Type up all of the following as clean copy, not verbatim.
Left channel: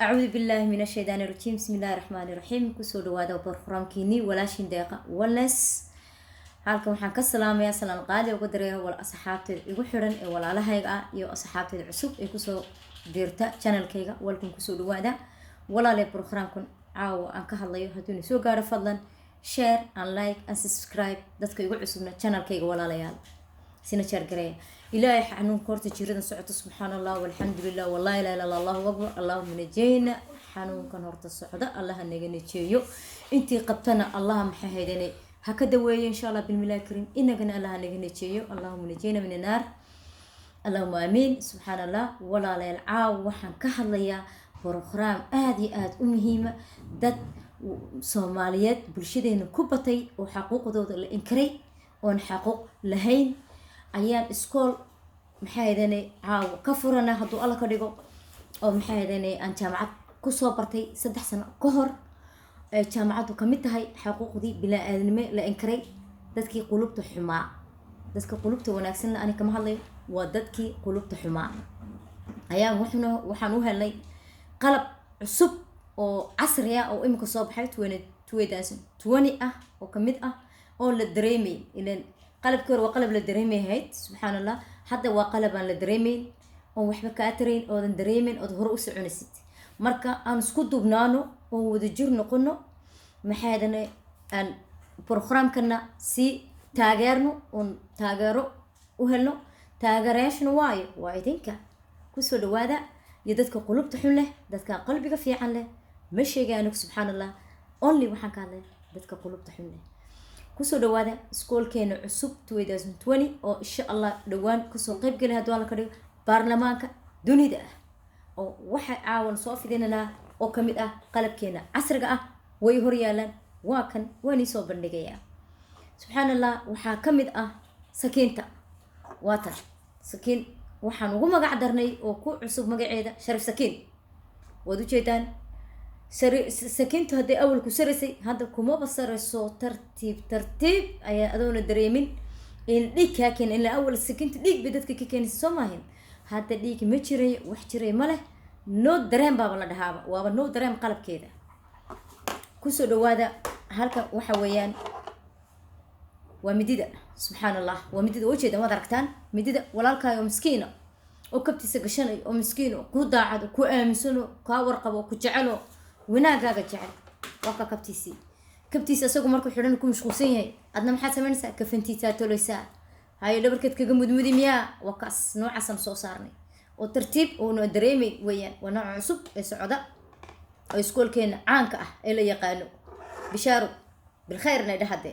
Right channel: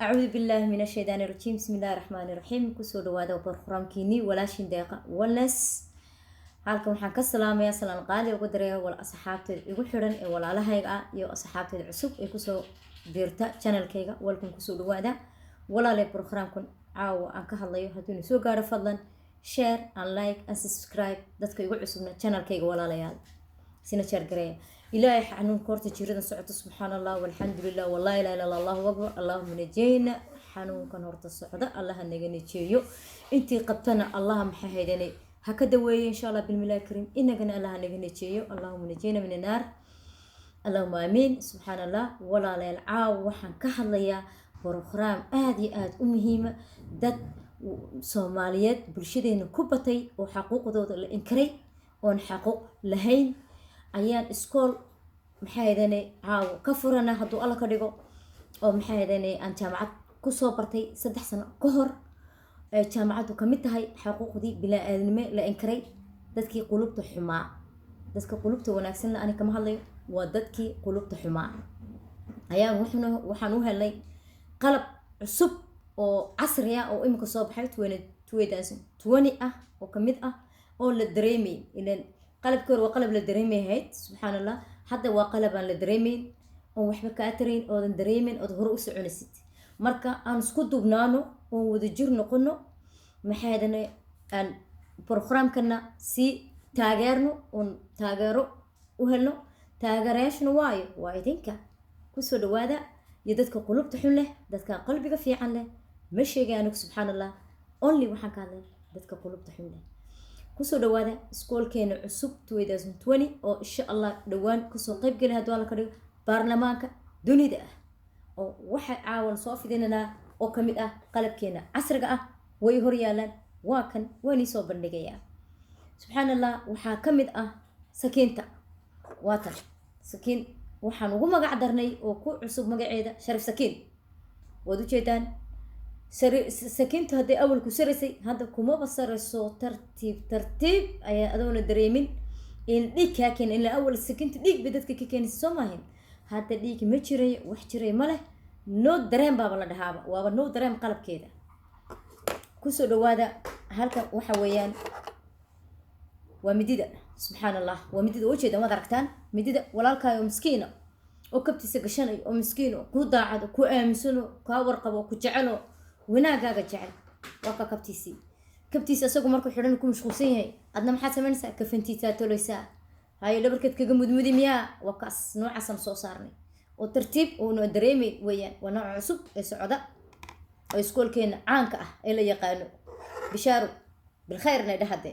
أعوذ بالله من الشيطان الرجيم. بسم الله الرحمن الرحيم. كسو دوادا وبرخرامكيني ولاشين دقيقة ولنس halkan waxaan ka salaamayaa salaan qaali ugu dareeyo wal asxaabteed igu xiran ee walaalahayga iyo asxaabteed cusub ee ku soo dirta channelkayga walkan ku soo dhawaada walaalay barnaamijkan caawa aan ka hadlayo haduu soo gaaro fadlan share and like and subscribe dadka igu cusubna channelkayga walaalayaal sina share gareeya ilaahay xanuun koorta jirada socoto subhanallah walhamdulillah wallahi la ilaha illa allah akbar allahumma najina xanuunkan horta socda allah naga najeeyo intii qabtana allah maxay haydanay هكذا وين إن شاء الله بالملاك الكريم إنك الله نجنيتشيو اللهم نجينا من النار اللهم آمين سبحان الله ولا لا العاو وحن كحليا برخرام آدي أمهيمة دد صوماليات برشيدين كوبتي وحقوق ذود الإنكري ونحقوق لهين أيام إسكول محايدني عاو كفرنا هدو الله كريجو أو محايدني أن جامعة كوسوبرتي 6 سنة كهر jaamacadu kamid tahay xuquuqdii bilaa aadnimo la inkaray dadkii qulubta xumaa dadka qulubta wanaagsan la kama hadlayo waa dadkii qulubta xumaa ayaa waxaan u helnay qalab cusub oo casri ah oo imika soo baxay 2020 ah oo kamid ah oo la dareemay ileen qalabkii hore waa qalab la dareemay hayd subhanallah hadda waa qalab aan la dareemeyn oo waxba ka atarayn oo aan dareemeyn oo hore u soconaysid marka aan isku dubnaano oo wada jir noqono maxaadana aan barnaamijkana si taageerno oo taageero u helno taageerayaashna waa idinka ku soo dhawaada iyo dadka qulubta xun leh dadka qalbiga fiican leh ma sheegaan subhanallah only waxaan ka hadlay dadka qulubta xun leh ku soo dhawaada iskoolkeena cusub 2020 oo insha Allah dhawaan ku soo qayb galay hadii la ka dhigo baarlamaanka dunida oo waxa caawan soo fidinana oo kamid ah qalabkeena casriga ah way hor yaalan waa kan wani soo bandhigaya subhanallah waxa kamid ah sakiinta waatan sakiin waxaan ugu magac darnay oo ku cusub magaceeda sharif sakiin wadu jeedaan sakiintu hadii awal ku sarisay hadda kuma basarayso tartiib ayaa adoona dareemin in dhigka keen in la awal sakiinta dhig bidadka ka keenayso Soomaaliya hadda dhig ma jiray wax jiray ma leh no dareem baaba la dhahaaba waaba no dareem qalabkeeda ku soo dhawaada halka waxa weeyaan waa midida subhanallah waa midida wajeeda ma aragtaan midida walaalkaayo miskiina oo kabtiisa gashanay oo miskiino ku daacad ku aaminsano ka warqabo ku jecelo wanaagaaga jecel waa ka kabtiisa asagu markuu xidhan ku mashquulsan yahay adna maxaad sameynaysaa kafantiisa toleysaa hayo dhabarkeed kaga mudmudi miyaa waa kaas noocaas soo saarnay oo tartiib oo noo dareemay weeyaan waa nooc cusub ee socda oo iskoolkeena caanka ah ee la yaqaano bishaaro bil khayrna dhahade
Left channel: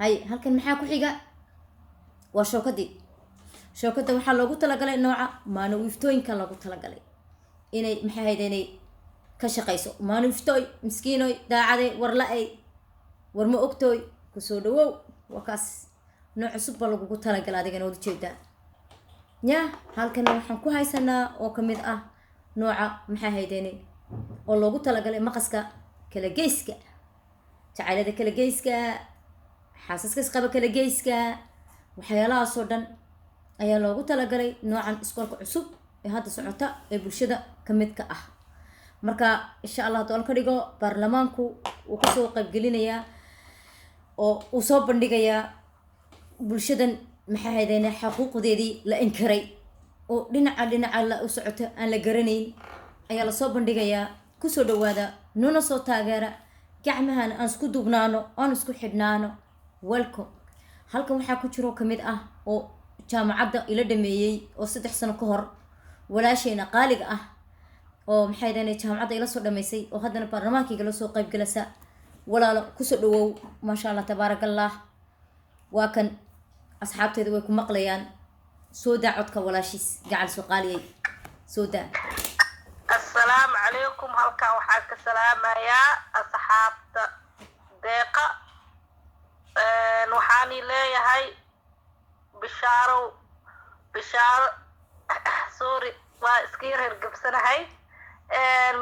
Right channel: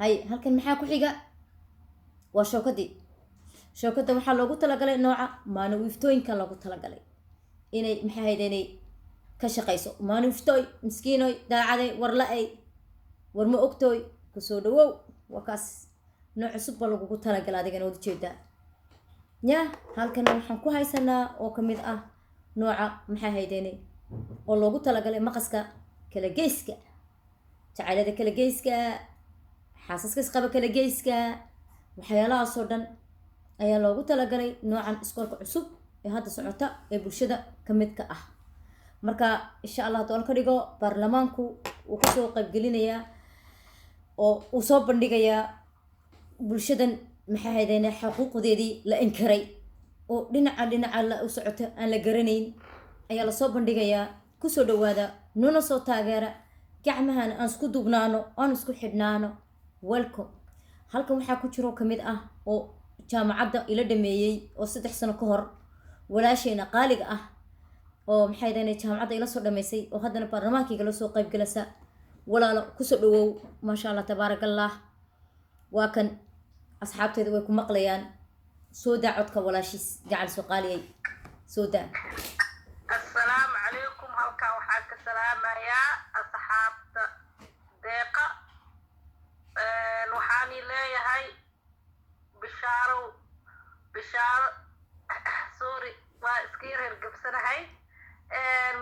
hay halkan maxaa ku xiga waa shookada waxaa loogu talagalay nooca maanawiiftooyinka loogu talagalay inay maxay haydeenay ka shaqeyso maanawiiftooy miskiinoy daacaday war la-ay war ma ogtooy ku soo dhawow waa kaas nooc cusub baa lagugu talagalay adigana wada jeedaa يا halkan waxaan ku haysanaa oo kamid ah nooca maxay haydeenay oo loogu talagalay maqaska kala geeska jacaylada kala geeska xaasaska qaba kala geeska waxyaalaha soo dhan ayaa loogu talagalay noocan iskoolka cusub ee hadda socota ee bulshada kamid ka ah marka insha Allah doon ka dhigo baarlamaanku uu ku soo qayb gelinayaa oo uu soo bandhigayaa bulshadan maxay haydeenay xuquuqdeedii la inkaray oo dhinaca la u socoto aan la garanayn ayaa la soo bandhigayaa ku soo dhawaada nuna soo taageera gacmahan aan isku dubnaano aan isku xidhnaano welcome halkan waxa ku jiro kamid ah oo jaamacadda ila dhameeyay oo 3 sano ka hor walaasheena qaaliga ah oo maxay haydeenay jaamacadda ila soo dhameysay oo haddana baarlamaankiga la soo qayb galasa walaalo ku soo dhawow ma sha Allah tabarakallah waa kan asxaabteedu way ku maqlayaan soo daacodka walaashis gacal soo qaaliyay soo daa assalaamu calaykum halka waxaan ka salaamayaa asxaabta deeqa waxaan leeyahay bishaaro sorry waa iska yar gabsanahay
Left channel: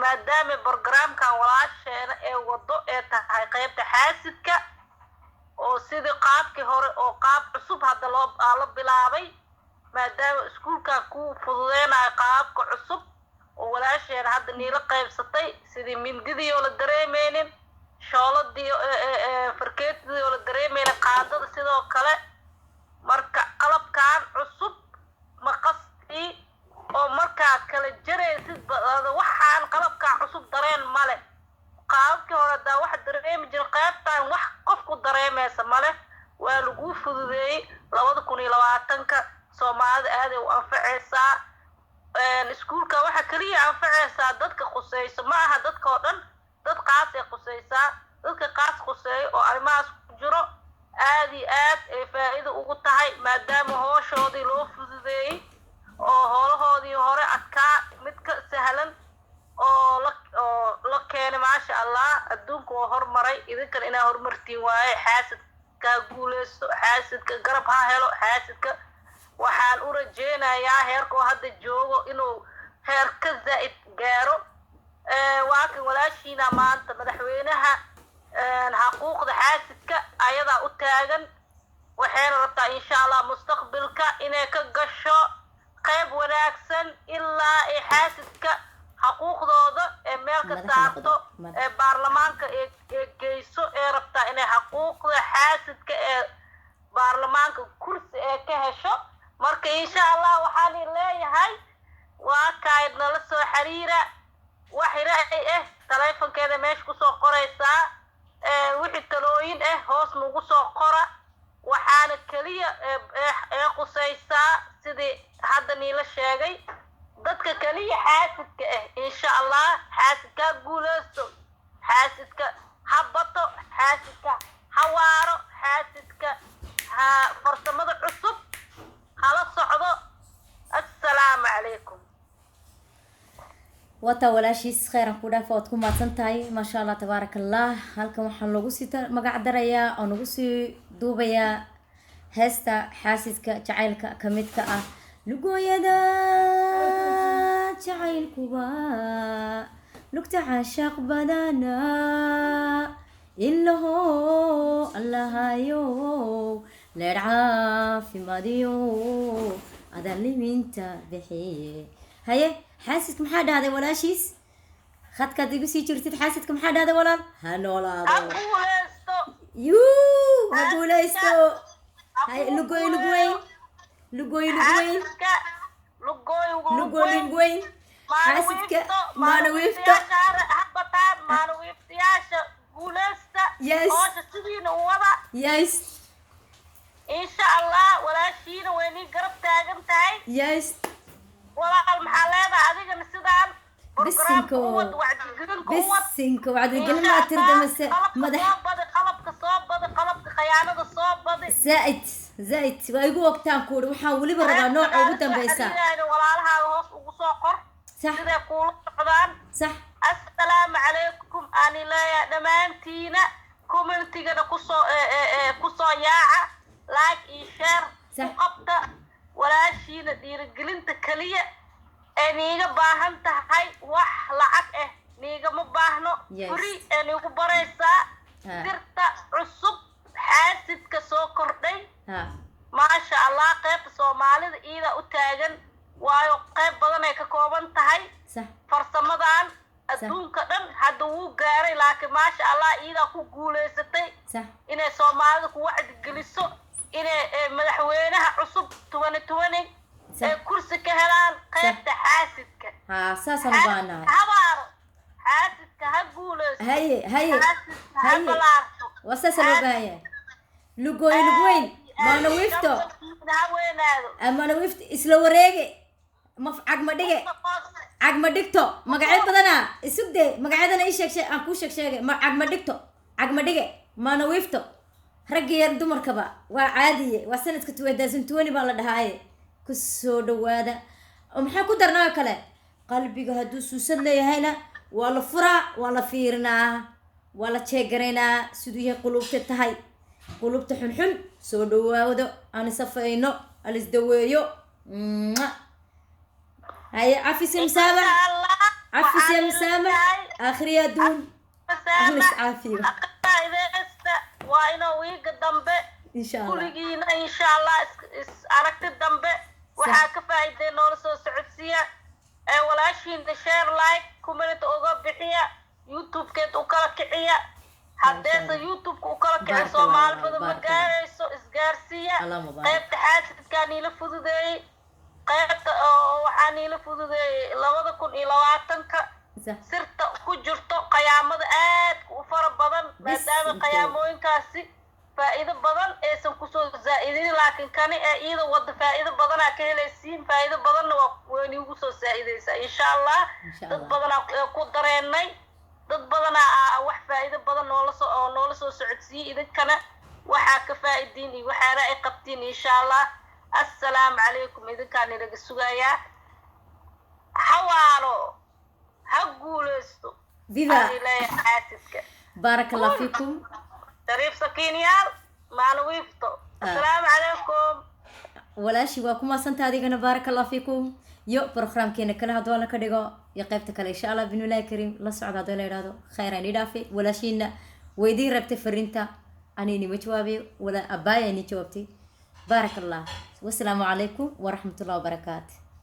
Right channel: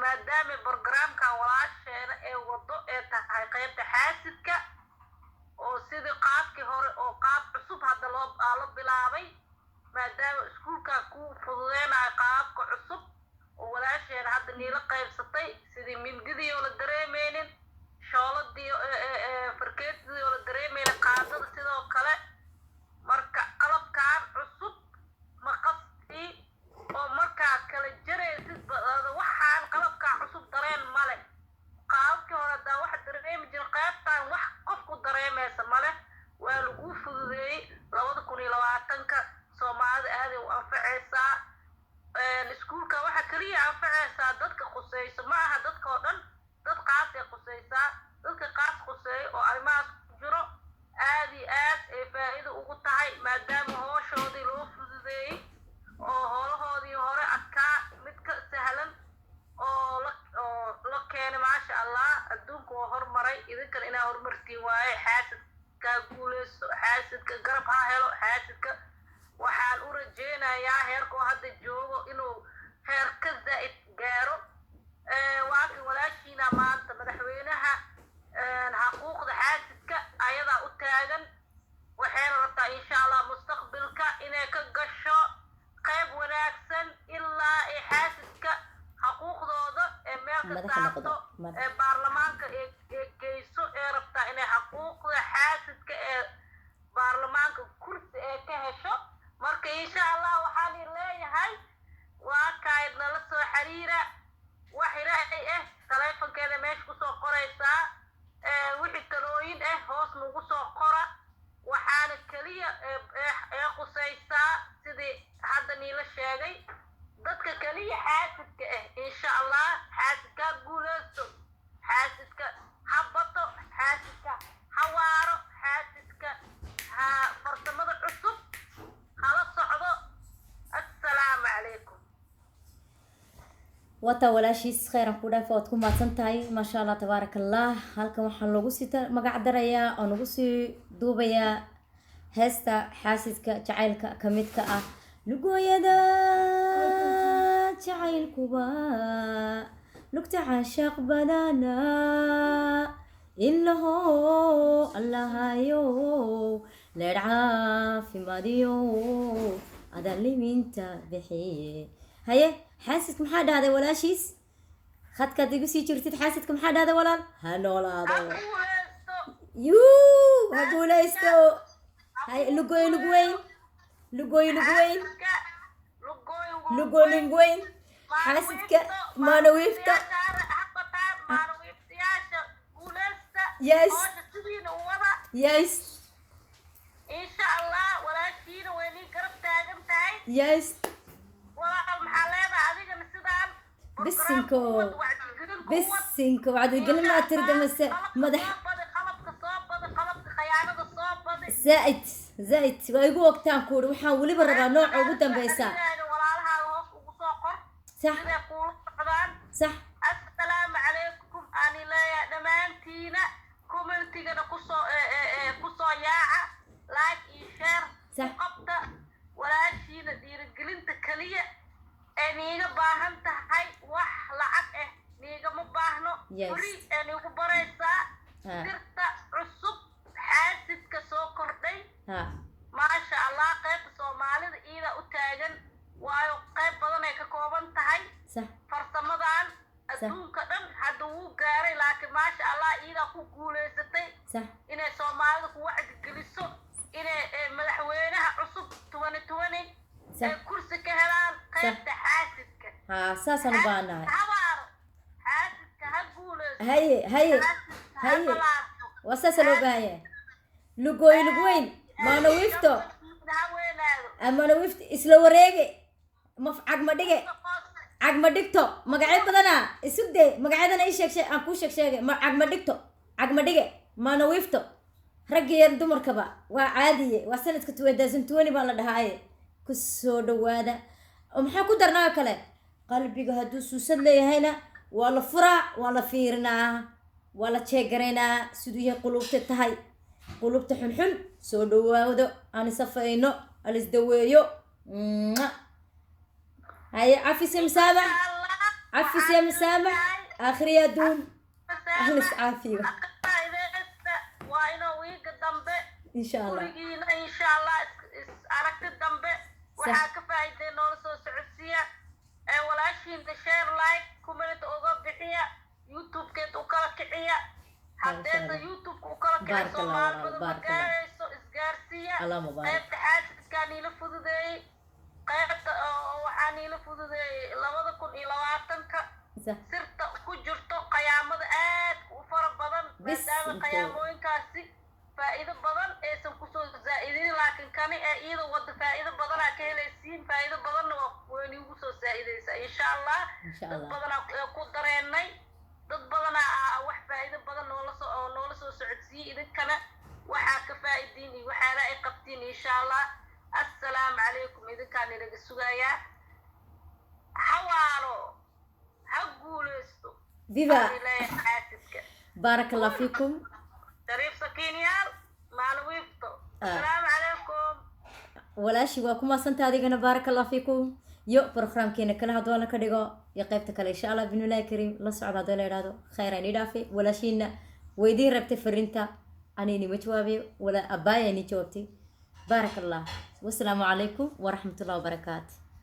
maadaama barnaamijkan walaasheena ee wado ee tahay qaybta xaasidka oo sidii qaabkii hore oo qaab cusub hadda loo bilaabay maadaama iskuulka ku fududeenayo qaabka cusub oo walaasheen hadda niila qaybsatay sidii mindidii oo la dareemeynin shooladii farkeetidii oo la dareemeynin qaadada sidoo kale marka qalabkan cusub maqastii oo markaa kala jaraysid waxaan qalabkaa cusub dareen male qaabkii hore daa wax dareemi jirin qaybtaan wax qofku dareemaysa male waa lagu fududeeyey 2020 soomaalida aaday u anfacaysaa iskuulka waxa kaliya anfacaysaa dadka khusayso ma aha dadka oo dhan dad qaas ay khusaysaa dadka qaas khuseeyo oo arrimahaas ku jiro aad iyo aad ay faa'iido ugu tahay maadaama howshoodii loo fududeeyey oo howlahoodii hore adkaa mid ka sahlan oo la keenay maasha allah adduunka oo hormaray idinkan inaa horumartiin waaye xaasidka guuleysto xaasidka garab ha helo xaasidka waxaan u rajeynayaa heerkoo hadda joogo inuu heer ka zaa'id gaaro waa kan walaashiina maanta madaxweynaha xuquuqda xaasidka ayadaa u taagan waxayna rabtaa insha allah mustaqbalka inay ka gasho qayb wanaagsan ilaa ay xaasidka xuquuqdooda ee meel ka saarto ee baarlamaanka ee geyso ee rabtaa inay xuquuqda xaasidka ee baarlamaanka kursi ee ka hesho marka insha allah waxaan leeyahay waa kayd nala soo xiriira wax ra'ay taleefankeeda meesha ku soo qoraysaa wixii talooyin hoos nagu soo qora waxaana kaliya ee qusaysaa sidii hadda niila sheegay dadka kaliya xaasidka insha allah xaasidka guuleysto xaasidka ha bato xaasidka ha waaro xaasidka ha farsamada cusub hala socdo assalaamu calaykum wata walaashiis khayran ku dhaaf waad ku mahadsan tahay maasha allah tabaaraka allah halkan waxaa loogu sii magac darayaa oo nagu sii duubayaa heesta xaasidka jacaylka ka midka ah lugooyada jacaylkuba lugta caashaaq badana ilaho allahayo leer caafimaadiyo adan liminta bixiye haye xaasidka maxaa dhahday walaashiis khadkaad igu sii jirtid xaasidka maxaa dhahday walaal ha noolaado yuu ha guulaysto haye lugooy lugweyn lugooy lugweyn lugooy lugweyn xaasidka maana wiifto yes yes insha allah walaashiina way nii garab taagan tahay yes walaal maxaa leedahay adigana sidaan bisinko wacdigelin maa tirdamase madax qalabka khayaanada soo badi zaid waa igu ogtaan kuuri waxaan weliba rabaa nooca ugu dambeysa walaalahaaga hoos ugu soo qor siday kuula socdaan sax assalaamu calaykum ani leeyahay dhammaantiina commentigana kusoo yaaca like iyo share ku qabta walaashiina dhiirigelinta kaliya ee niiga baahan tahay wax lacag niigama baahno free ee niigu baraysaa sirta cusub xaasidka soo kordhay maasha allah qaybta soomaalida iida u taagan waayo qayb badan ay ka kooban tahay farsamadan adduunka dhan hadda wuu gaaray laakiin maasha allah iidaa ku guulaysatay inay soomaalida ku wacdigeliso inay madaxweynaha cusub 2020 ay kursi ka helaan qaybta xaasidka saasaan u baahanahay habaaro xaasidka ha guulaysto haye waa saasa loo baahan yahay lugooy lugweyn maana wiifto maana wiifto isla wareege cagma dhige cagma dhigto magacyo badana isugde magacyadana ii sheeg aan kuu sheegay cagma dhigto cagma dhige maana wiifto ragga yar dumarkaba waa caadiye waa sanadka 2020 baa la dhahaaye ku soo dhawaada maxaa ku darnaa kale qalbiga hadduu suusad leeyahayna waa la furaa waa la fiirinaa waa la jeegaraynaa siduu yahay qulubta tahay qulubta xunxun soo dhawaado aan isafayno aan isdaweeyo هاي عفيس مسامح عفيس يا مسامح آخر يا دون أخلص عافية وأنا ويك الدنبة إن شاء الله ورجينا إن شاء الله أركت الدنبة وحاك فايدة نورس سعودية walaashiinta share like comment uga bixiya youtube-keed u kala kiciya haddeesa youtube-ka u kala kiciya soomaali badan ma gaarayso isgaarsiiya qaybta xaasidkaa niila fududeeyey qaybta waxaa niila fududeeyey 2020 sirta ku jirto qayaamada aad u fara badan maadaama qayaamooyinkaasi faa'iido badan aysan kusoo zaa'idin laakiin kani ee iyada wada faa'iido badanaa ka helaysiin faa'iido badanna waa weyni ugu soo zaa'idaysaa insha allah dad badanaa ku dareenay dad badanaa wax faa'iido badan noola soo socodsiiyey idinkana waxaa ka faa'iidiin iyo waxaana ay qabtiin insha allah assalaamu calaykum idinkaan inaga sugayaa xawaalo ha guulaysto viva xaasidka بارك الله فيكم شريف سكينيال ما نويفتو السلام عليكم walaashii waa kuma santa adigana بارك الله فيكم yo programkeena kala hadoo la ka dhigo iyo qaybta kale insha Allah binulaahi kariim la socda hadoo la yiraahdo khayran idaafi walaashiina weydii rabtay fariinta anini ma jawaabiyo wala abaaya ni jawaabtay بارك الله والسلام عليكم ورحمة الله وبركاته